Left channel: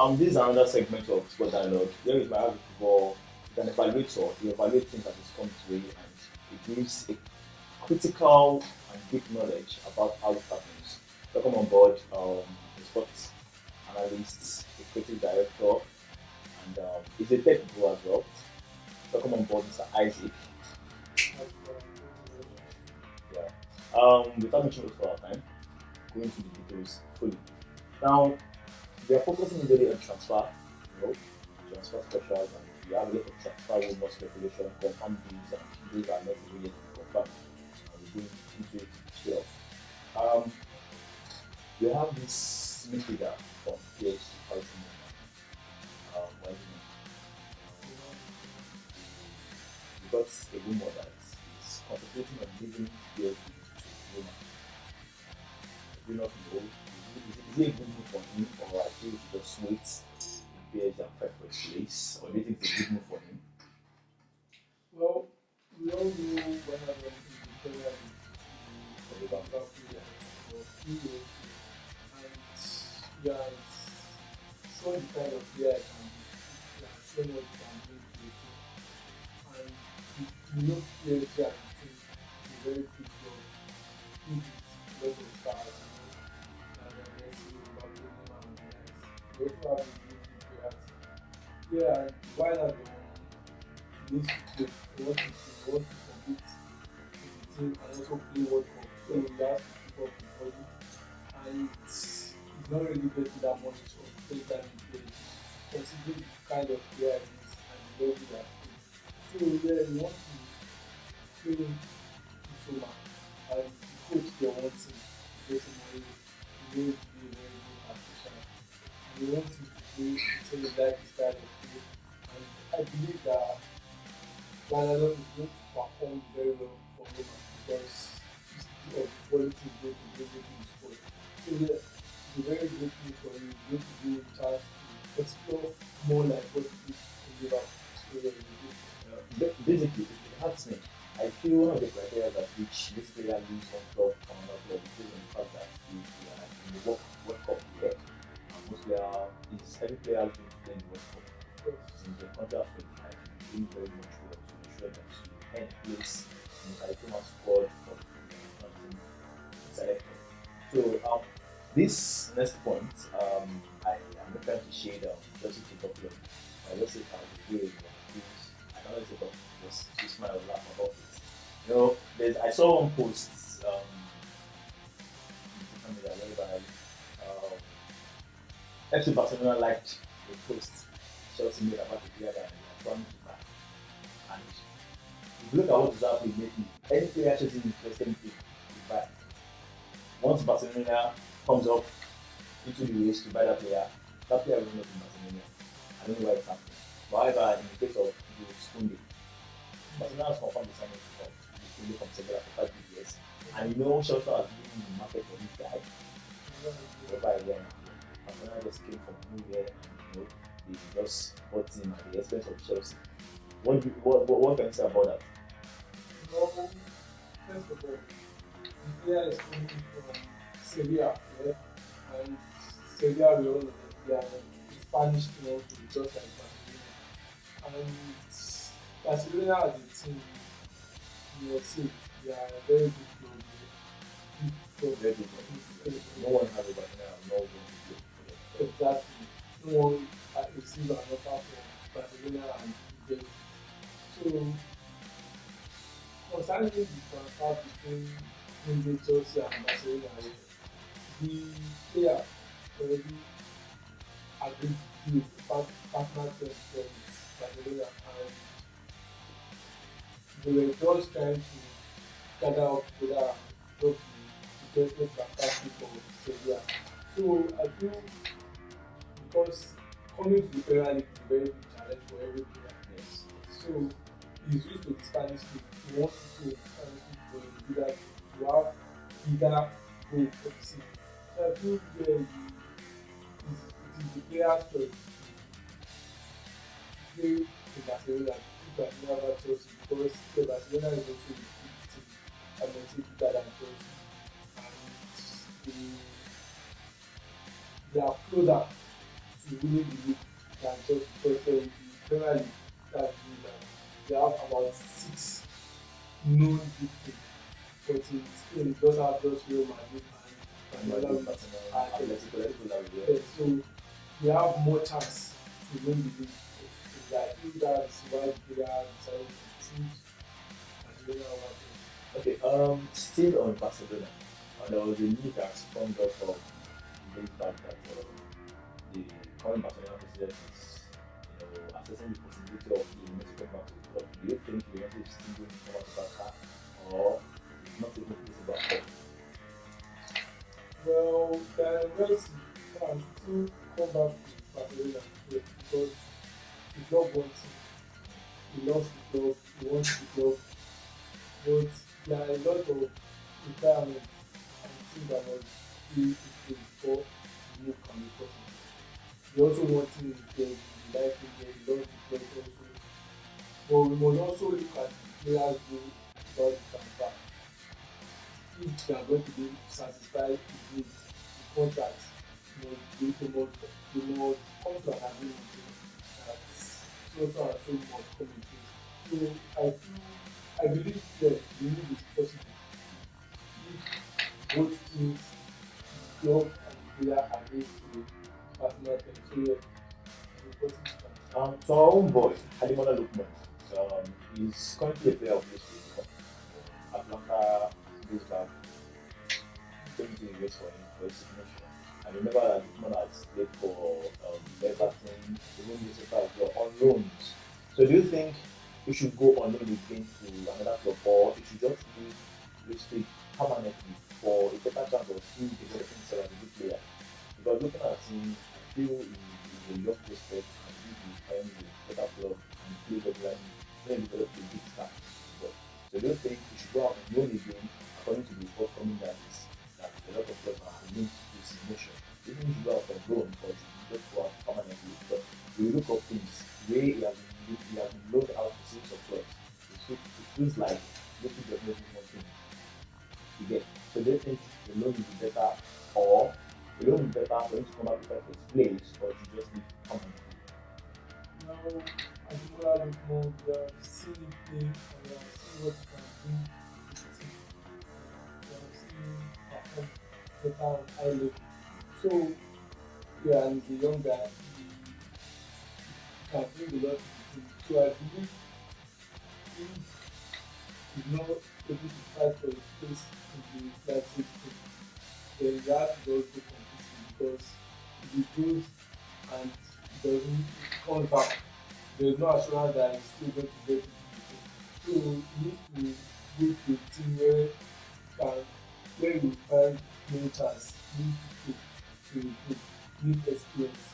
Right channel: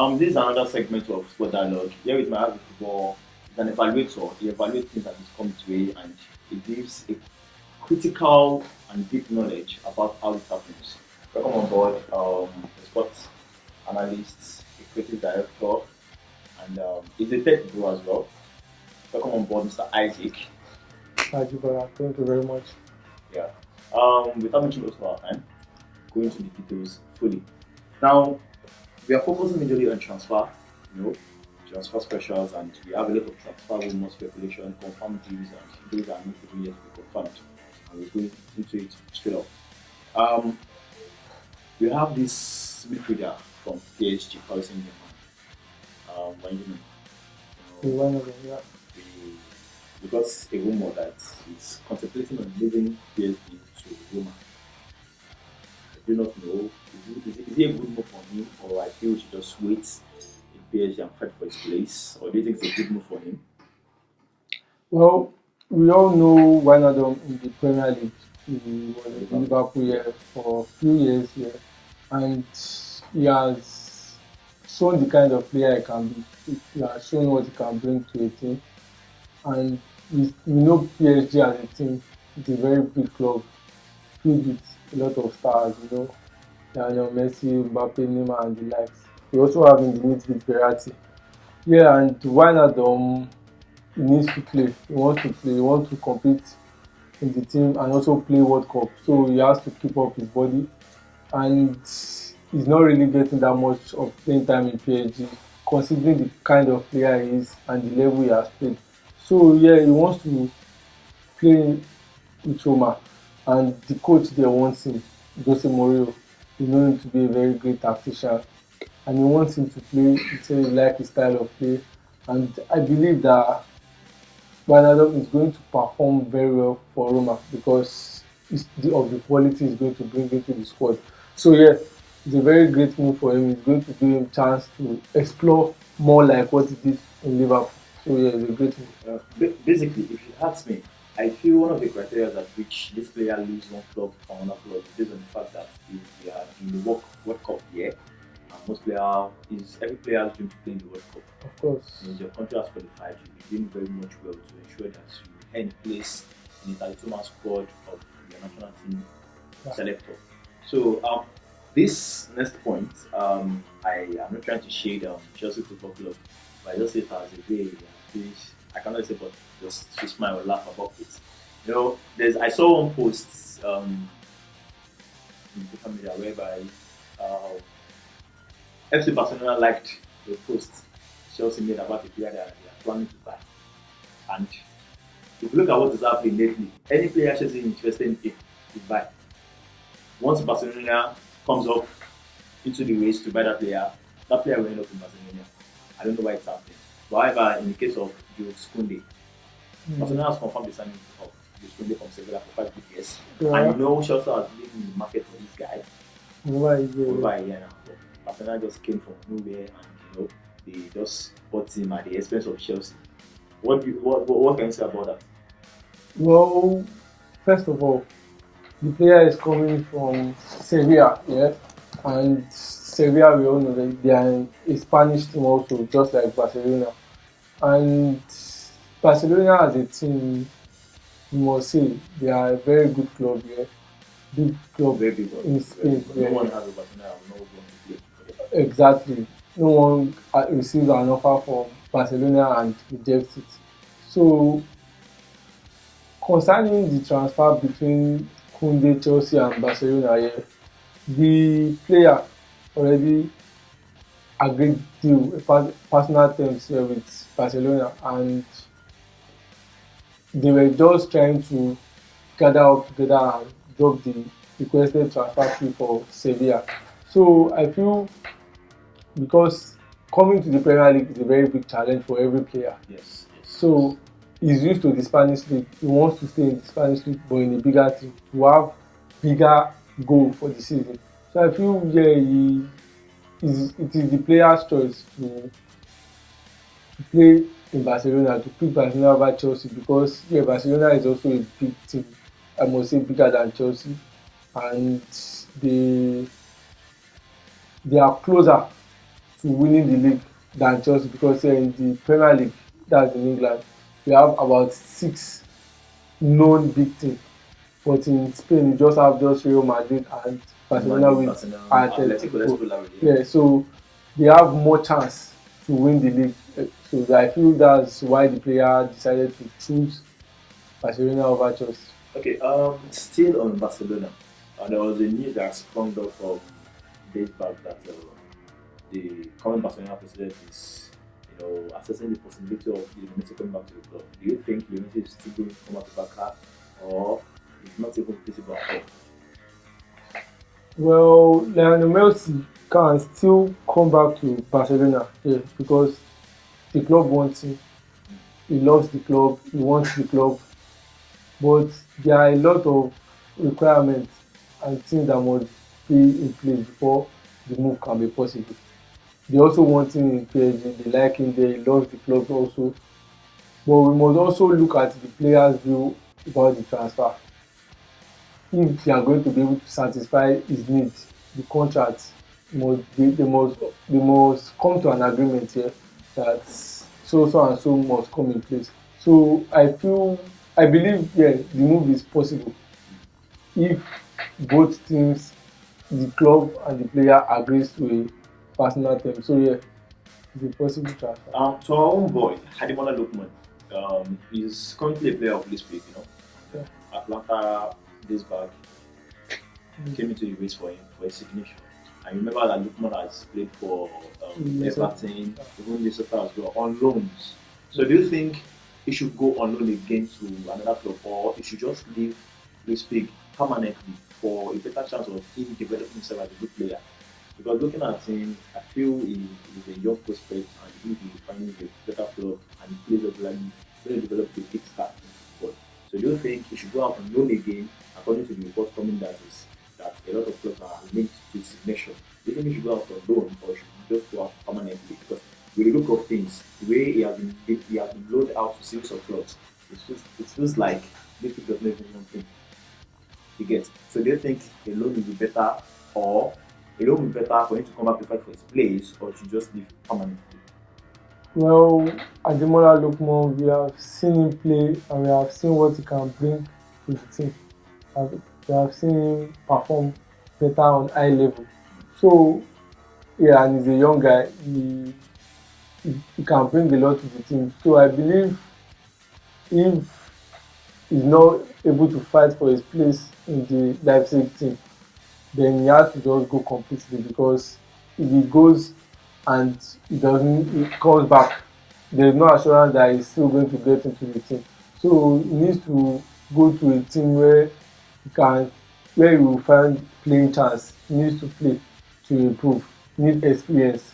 This is another segment of Sport Dialogue. Here with my Avid Football is an evaluator. He evaluates things that is come to way and it gives a critical and deep knowledge about how it happens. Welcome on board, a sports analyst, a creative director, and he's a tech guru as well. Welcome on board, Mr. Isaac. Thank you, brother. Thank you very much. Yeah. Without much waste of our time, going into the details fully. Now, we are focusing majorly on transfer, you know, transfer specials, and we have a lot of transfer rumors, speculation, confirmed deals, and those are not even yet confirmed. And we're going into it straight up. Um, we have this midfielder from PSG, Paris Saint-Germain, Benjamin. We went over here. We got a rumor that he's contemplating on leaving PSG to Roma. I do not know. Is it a good move for him, or I feel he should just wait in PSG and fight for his place, or do you think it's a good move for him? Well, we all know Wijnaldum in the Premier League. He was at Liverpool here for a few years here, and he has shown the kind of player he can be. He has shown what he can bring to a team, and we know PSG as a team is a very big club, filled with a lot of stars. Lionel Messi, Mbappe, Neymar, and the likes. We also have in the midfield Verratti. Yeah, and Wijnaldum he needs to play. He wants to play. He wants to compete in the team and also play World Cup. So he has to keep up his body. And he's not really getting that much of playing time in PSG, considering the kind of player he is and the level he has played. So yeah, he wants to play with Roma, and the coach there wants him, Jose Mourinho. He knows him to be a very great tactician, and he wants him to play. He says he likes his style of play, and I believe that Wijnaldum is going to perform very well for Roma because of the quality he's going to bring into the squad. So yeah, it's a very great move for him. It's going to give him chance to explore more like what he did in Liverpool. So yeah, it's a great move. Basically, if you ask me, I feel one of the criteria at which this player leaves one club for another club is based on the fact that they are in the World Cup year. And most player is every player has been playing the World Cup. Of course. Your country has qualified, you'll be doing very much well to ensure that you earn place in the 32-man squad of your national team selector. So this next point, I am not trying to shade Chelsea Football Club, but I just see it as a way, please, I cannot say, but just to smile or laugh about it. I saw one post in social media whereby FC Barcelona liked the post Chelsea made about the player that they are planning to buy. And if you look at what is happening lately, any player Chelsea is interested in, they buy. Once Barcelona comes up into the race to buy that player will end up in Barcelona. I don't know why it's happening. However, in the case of Jules Koundé, Barcelona has confirmed the signing of Jules Koundé from Sevilla for 5 good years. Yeah. And Chelsea has been in the market for this guy Over over a year now. Barcelona just came from nowhere and they just bought him at the expense of Chelsea. What can you say about that? Well, first of all, the player is coming from Sevilla, yeah, and Sevilla, we all know that they are a Spanish team also, just like Barcelona. And Barcelona as a team, you must say, they are a very good club, yeah, big club Very big. in Spain. No Yeah. one has a Barcelona and no one to play. Exactly. No one receives an offer from Barcelona and rejects it. So concerning the transfer between Koundé, Chelsea and Barcelona, yeah, the player already agreed deal personal terms with Barcelona, and they were just trying to gather up together and drop the requested transfer fee for Sevilla. So I feel because coming to the Premier League is a very big challenge for every player. Yes. So he's used to the Spanish league. He wants to stay in the Spanish league, but in a bigger team to have bigger goal for the season. So I feel it is the player's choice to play in Barcelona, to pick Barcelona over Chelsea because yeah, Barcelona is also a big team. I must say bigger than Chelsea, and they they are closer to winning the league than Chelsea because in the Premier League, that's in England, we have about 6 known big teams. But in Spain, you just have just Real Madrid and Barcelona Madrid, with Barcelona, Atletico, let's Atletico. put that way. Yeah, so they have more chance to win the league. So I feel that's why the player decided to choose Barcelona over Chelsea. Okay, still on Barcelona, there was a news that sprung up from days back that the current Barcelona president is, assessing the possibility of Messi coming back to the club. Do you think Messi is still going to come back to Barca, or it's not even feasible at all? Well, Lionel Messi can still come back to Barcelona, yeah, because the club wants him. He loves the club. He wants the club. But there are a lot of requirements and things that must be in place before the move can be possible. They also want him in PSG. They like him there. He loves the club also. But we must also look at the player's view about the transfer. If they are going to be able to satisfy his needs, the contract they must come to an agreement here that so and so must come in place. So I believe yeah the move is possible if both teams, the club and the player agrees to a personal term. So yeah, it's a possible transfer. To our own boy, Hademola Lookman, is currently a player of this league, Yeah. Atlanta days back came into the race for him for a signature. I remember that Lookman has played for Everton, even Minnesota as well, on loans. So do you think he should go on loan again to another club, or he should just leave this league permanently for a better chance of him developing himself as a good player? Because looking at him, I feel he's a young prospect and he will find a better club and he plays regularly, then develop a big star. But so do you think he should go out on loan again, according to the reports coming that a lot of clubs are linked to signature? Do you think he should go out on loan or should he just go out permanently? Because with the look of things, the way he has been loaned out to series of clubs, it feels like this does not even want him. You get. So do you think a loan will be better, or a loan will be better for him to come back to fight for his place, or should just leave permanently? Well, Ademola Lookman, we have seen him play and we have seen what he can bring to the team. We have seen him perform better on high level. So yeah, and he's a young guy. He can bring a lot to the team. So I believe if he's not able to fight for his place in the Leipzig team, then he has to just go completely because if he goes and he comes back, there's no assurance that he's still going to get into the team. So he needs to go to a team where he will find playing chance. He needs to play to improve. He needs experience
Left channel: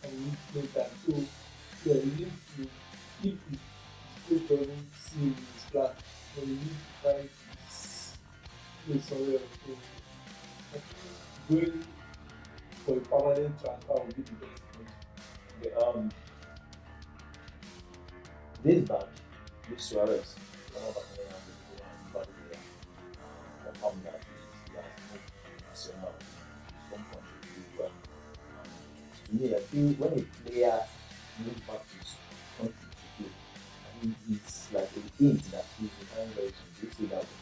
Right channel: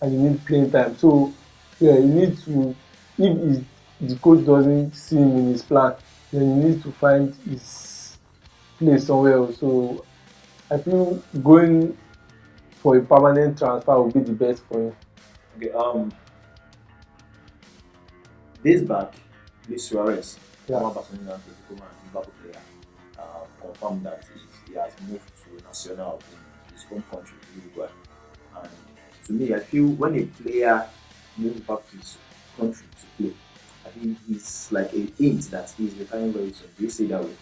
and he needs playing time. So yeah, he needs to if the coach doesn't see him in his plan, then he needs to find his place somewhere else. So I feel going for a permanent transfer would be the best for him. Okay, days back, Luis Suarez, Yeah. former Barcelona and Liverpool player, confirmed that he has moved to Nacional in his home country, Uruguay. And to me, I feel when a player moves back to his country to play, I think it's like a hint that he's retiring very soon. Do you see that way?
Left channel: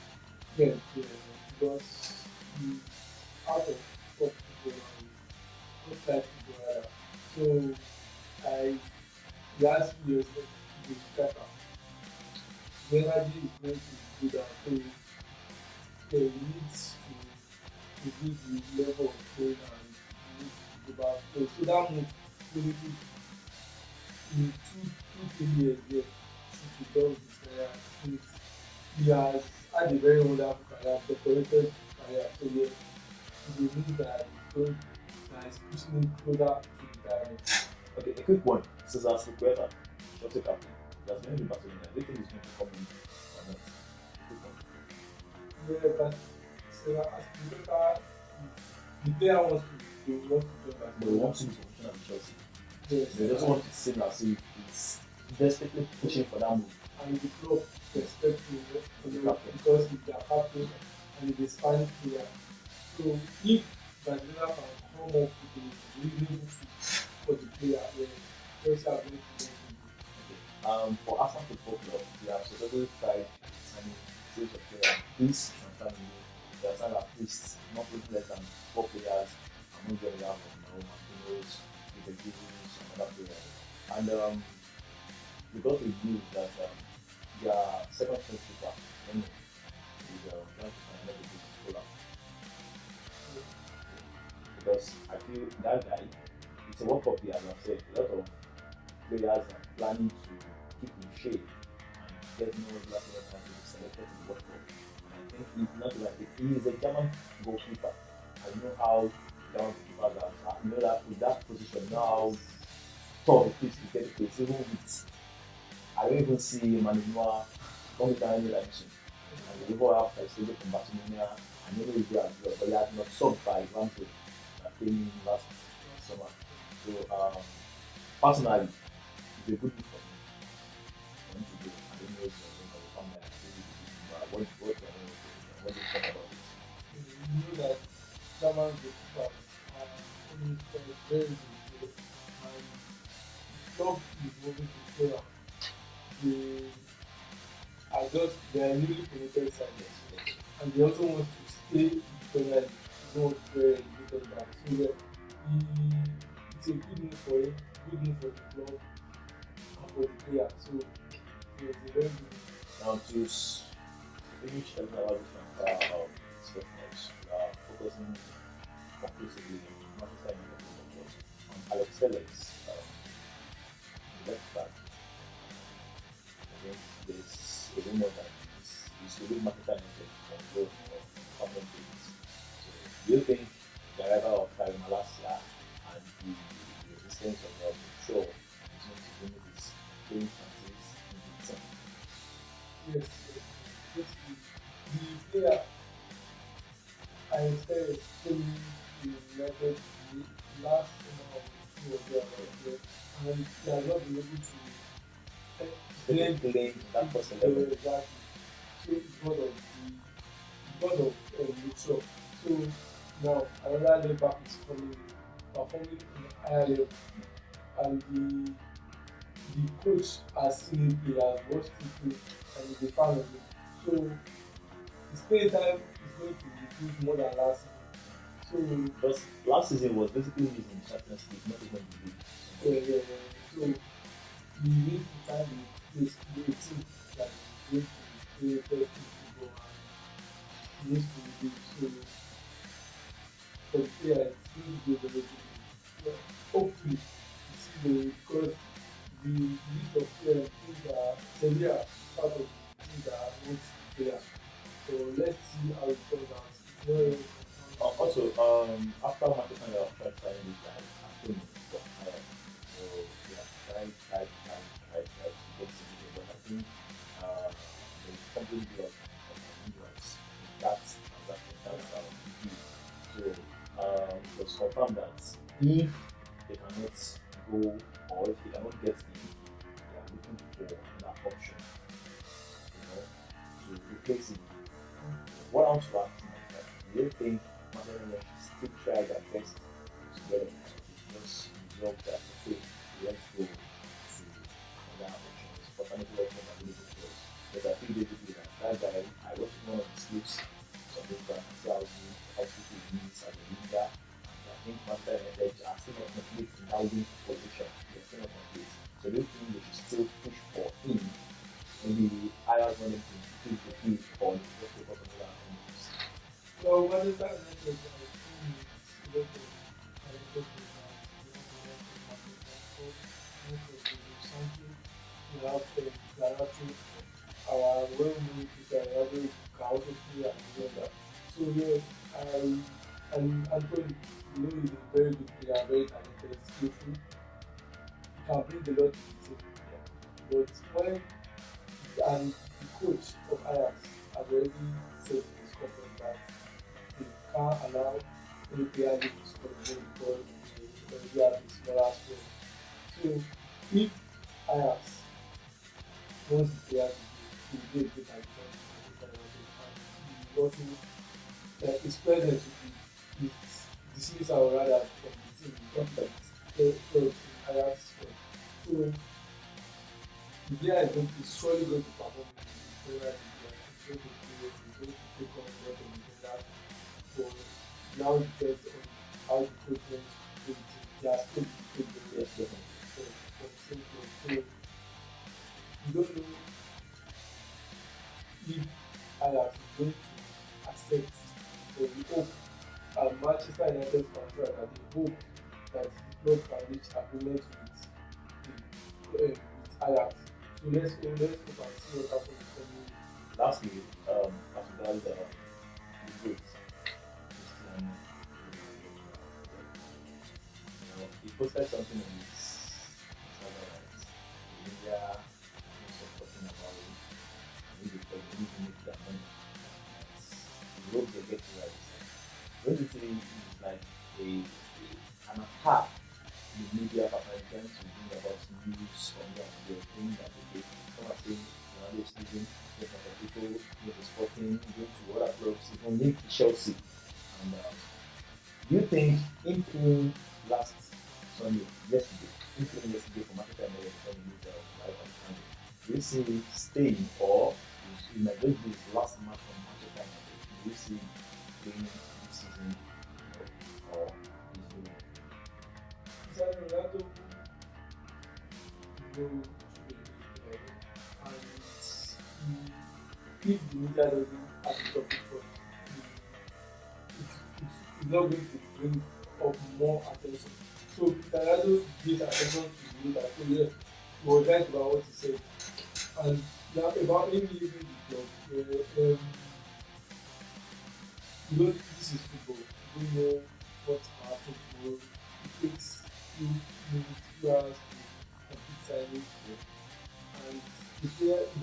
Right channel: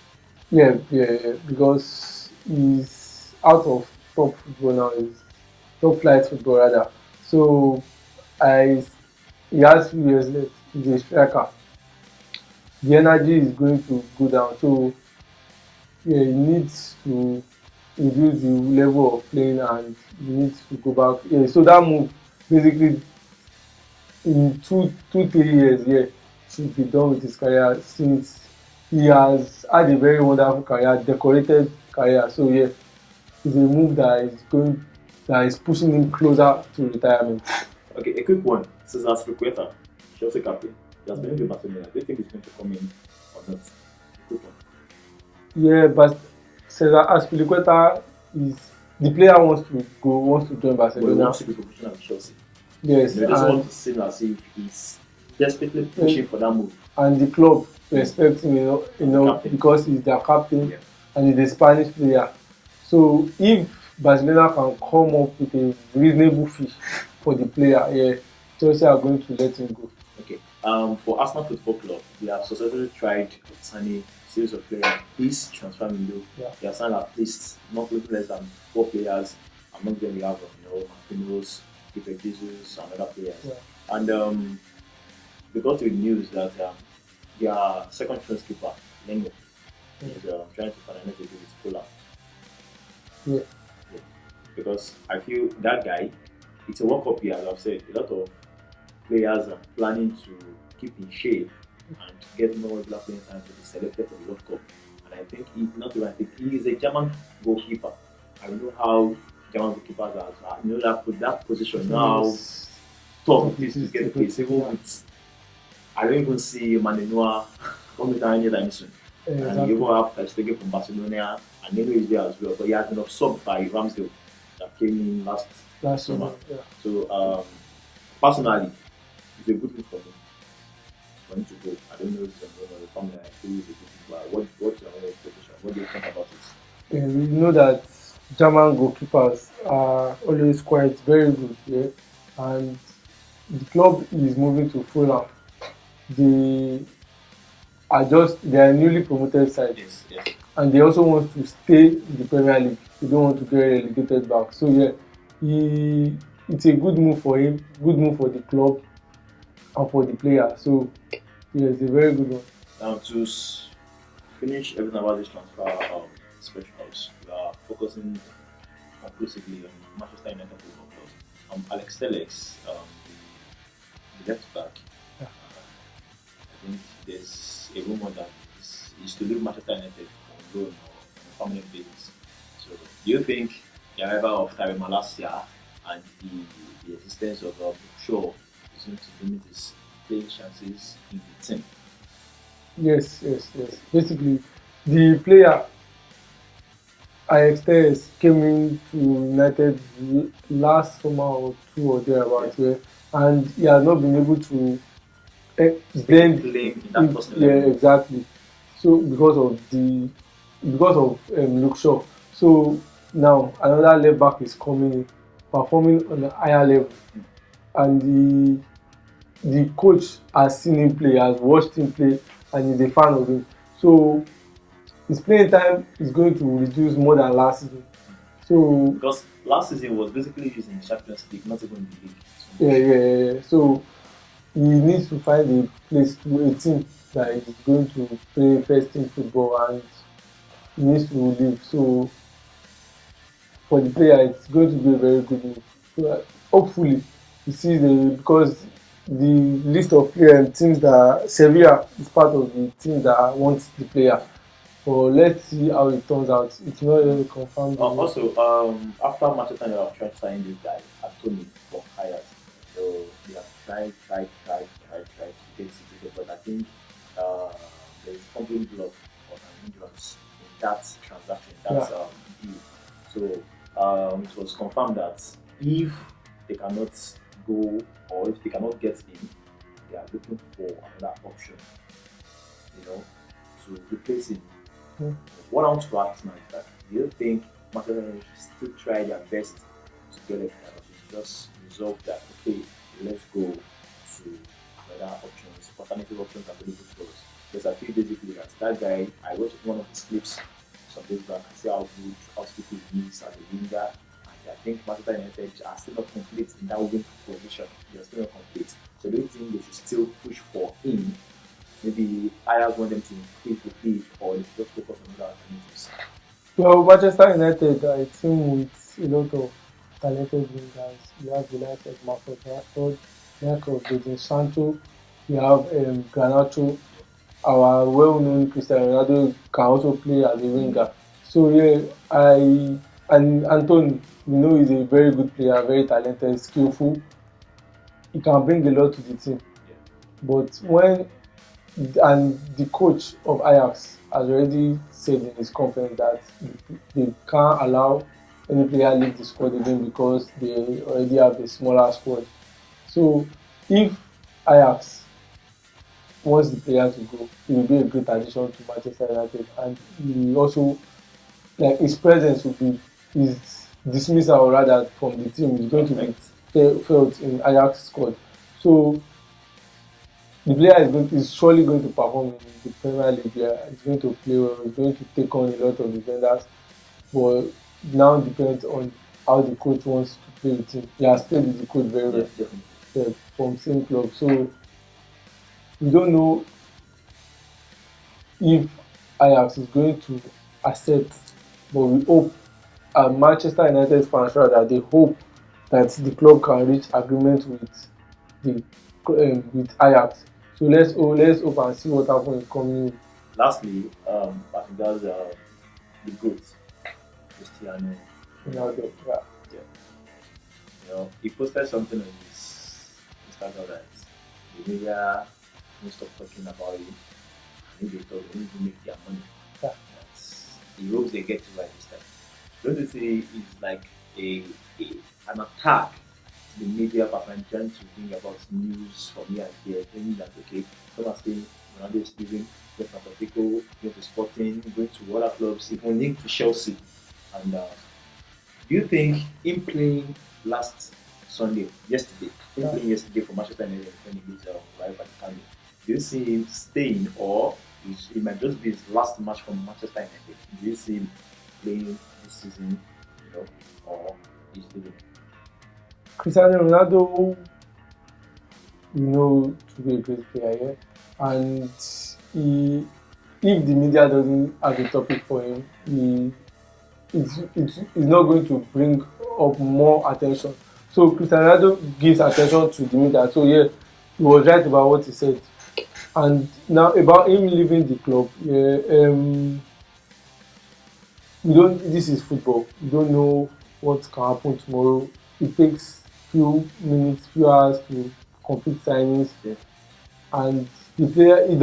Yeah, because he's out of top football now. He's top flight football rather. So I he has 2 years left. He's a striker. The energy is going to go down. So yeah, he needs to reduce the level of playing and he needs to go back. Yeah, so that move basically in 3 years, yeah, should be done with his career since he has had a very wonderful career, decorated career. So yeah, it's a move that is pushing him closer to retirement. Okay, a quick one. Cesar Spilicueta, Chelsea captain. He has been in the Barcelona. Do you think he's going to come in or not? A quick one. Yeah, but Cesar Azpilicueta is the player wants to join But he Barcelona. wants to be professional with Chelsea. Yes, They just want and, to seem as if he's desperately pushing for that move. and the club respect him, Captain. because he's their captain Yeah. and he's a Spanish player. So if Barcelona can come up with a reasonable fee for the player. Yeah, Chelsea are going to let him go. Okay. For Arsenal Football Club, they have successfully tried signing a series of players. This transfer window, they have signed at least not less than 4 players. Among them, we have Marquinhos, Kepa Jesus, and other players. Yeah. And we got to the news that their second choice keeper, Nengo, is trying to finalize the deal with Fulham. Yeah. Because I feel that guy, it's a World Cup year, as I've said. A lot of players are planning to keep in shape and get more regular playing time to be selected for the World Cup. And I think he is a German goalkeeper. I know how German goalkeepers are. You know that position now tough it is to get the place. Even with I don't even see Manenoa coming down anytime soon. And you even have Stegen from Barcelona, and Neno is there as well. But he has been absorbed by Ramsdale that came in last summer. Yeah. So personally, it's a good move for him. For him to go. I don't know if the family agree with it, but what's your position? What do you think about it? Yeah, we know that German goalkeepers are always quite very good, yeah? And the club is moving to Fulham. They are newly promoted side. Yes. And they also want to stay in the Premier League. They don't want to get relegated back. So yeah, it's a good move for him, good move for the club and for the player. So yeah, it's a very good one. Now to finish everything about this transfer of specials, we are focusing conclusively on Manchester United Football Club. Alex Telles, the left back. I think there's a rumor that he's to leave Manchester United on loan or permanent basis. So, do you think the arrival of Tyrone Malacia and the existence of Shaw is going to limit his playing chances in the team? Yes. Basically, the player Alex Telles came into United last summer or two or thereabouts, yeah, and he has not been able to blend. Exactly. So because of Luke Shaw. So now another left back is coming in, performing on a higher level, and the coach has seen him play, has watched him play, and is a fan of him. So his playing time is going to reduce more than last season. So because last season was basically used in the Champions League, not even in the league. Yeah. So he needs to find a place to a team that is going to play first team football, and he needs to leave. So for the player, it's going to be a very good move. So hopefully, he sees because the list of teams that Sevilla is part of the team that wants the player. So let's see how it turns out. It's not really confirmed. Also, after Manchester United tried to sign this guy, Anthony from Ajax, so we have tried to get it, but I think there is complete block on an injuries in that transaction. That's deal. So it was confirmed that if they cannot go or if they cannot get in, they are looking for another option, to replace him. What I want to ask now is that do you think Manchester United should still try their best to get it just resolve that, okay, let's go to other options, alternative options available to us? Because I feel basically that guy, I watched one of his clips some days back and see how stupid he is as a winger. And I think Manchester United are still not complete in that wing position. They are still not complete. So do you think they should still push for him? Maybe I have want them to improve the field or just focus on other alternatives. Well, Manchester United are a team with a lot of talented wingers. You have the likes of Marcus Rashford, the likes of Jadon Sancho, you have Garnacho. Our well-known Cristiano Ronaldo can also play as a winger. So yeah, and Anthony, is a very good player, very talented, skillful. He can bring a lot to the team. But the coach of Ajax has already said in his conference that they can't allow any player leave the squad again because they already have a smaller squad. So if Ajax wants the players to go, it will be a great addition to Manchester United, and he also his presence will be his dismissal rather from the team is going to be felt in Ajax squad. So the player is surely going to perform in the Premier League. Yeah, he's going to play well. He's going to take on a lot of defenders. But now depends on how the coach wants to play with him. He has played with the coach very well, Yes, definitely. from same club. So we don't know if Ajax is going to accept, but we hope, Manchester United fans rather, they hope that the club can reach agreement the with Ajax. So let's hope and see what happens in coming week. Lastly, as regards the GOAT, Cristiano Ronaldo. Ronaldo. Yeah. Yeah. He posted something on his Instagram that the media won't stop talking about him. I think they thought they need to make their money. Yeah. He hopes they get it right this time. Don't you see it's like an attack the media person trying to bring about news from here and there, saying that okay, some are saying Ronaldo is leaving, going to Atletico, going to Sporting, going to other clubs, even linked to Chelsea. And do you think him playing last Sunday, yesterday, him Yeah. playing yesterday for Manchester United when he gives Rayo Vallecano, do you see him staying or it might just be his last match for Manchester United? Do you see him playing this season, or he's leaving? Cristiano Ronaldo, to be a great player, yeah? And he, if the media doesn't have a topic for him, it's not going to bring up more attention. So Cristiano Ronaldo gives attention to the media. So yeah, he was right about what he said. And now about him leaving the club, yeah, we don't. This is football. You don't know what can happen tomorrow. It takes few minutes, few hours to complete signings, Yeah. and the player, it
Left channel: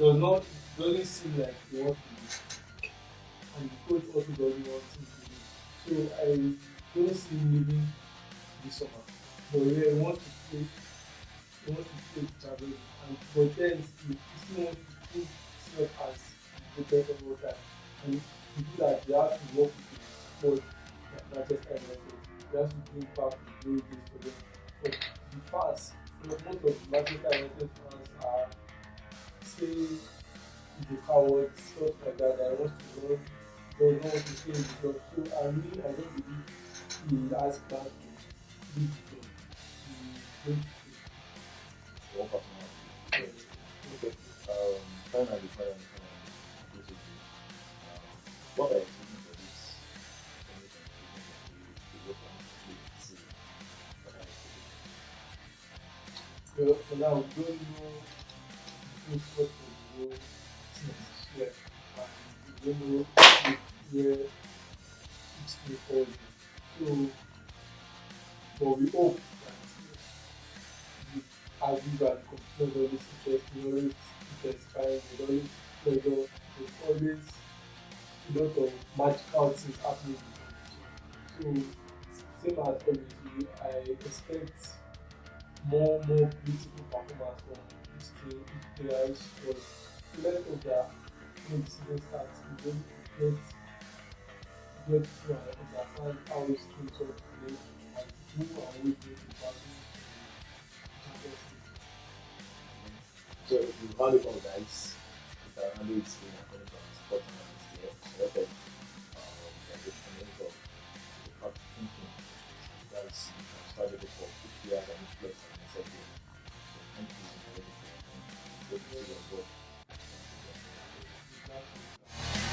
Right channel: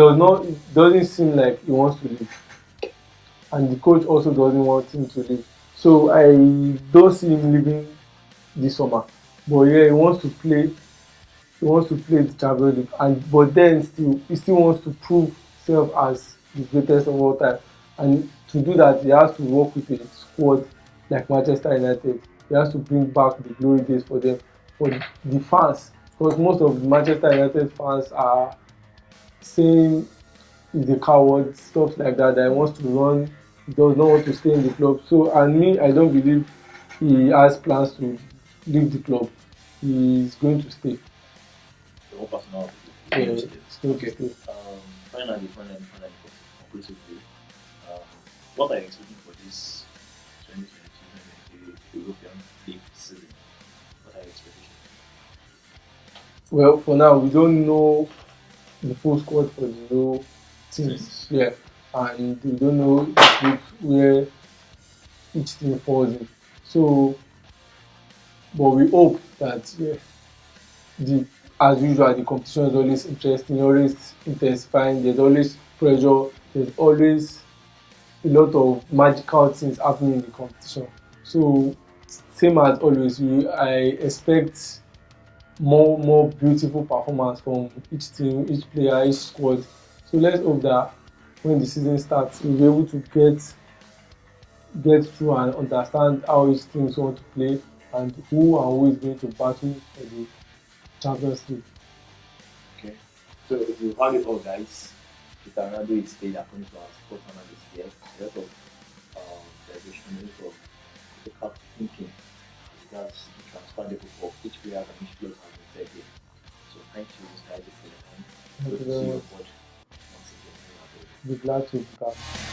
doesn't seem like he wants to leave, and the coach also doesn't want him to leave. So I don't see him leaving this summer. But yeah, he wants to play. He wants to play the Champions League, and but then he still wants to prove himself as the greatest of all time. And to do that, he has to work with a squad like Manchester United. He has to bring back the glory days for the fans, because most of the Manchester United fans are saying he's a coward, stuff like that. That he wants to run, he does not want to stay in the club. So, and me, I don't believe he has plans to leave the club. He is going to stay. Your own personality. Yeah, it's going to stay. Finally, basically, um, what are you expecting for this 2022 European League season? What are your expectations? Well, for now, we don't know the full squad for the Euro teams. Yeah, and we don't know the group where each team falls in. So, but we hope that, yeah, the as usual, the competition is always interesting, always intensifying. There's always pressure. There's always a lot of magical things happening in the competition. So, same as always, I expect more beautiful performance from each team, each player, each squad. So let's hope that when the season starts, we'll be able to get through and understand how each team want to play and who is going to battle for the Champions League. Okay. So if you heard it all, guys, Mr. Ronaldo is paid according to our sport analyst here. A lot of celebration, a lot of critical thinking. That's transferable for each player and each club has been said here. So thank you, Mr. Ronaldo, for your time. Thank you Good to very see much. your watch. Once again. Be glad to be back.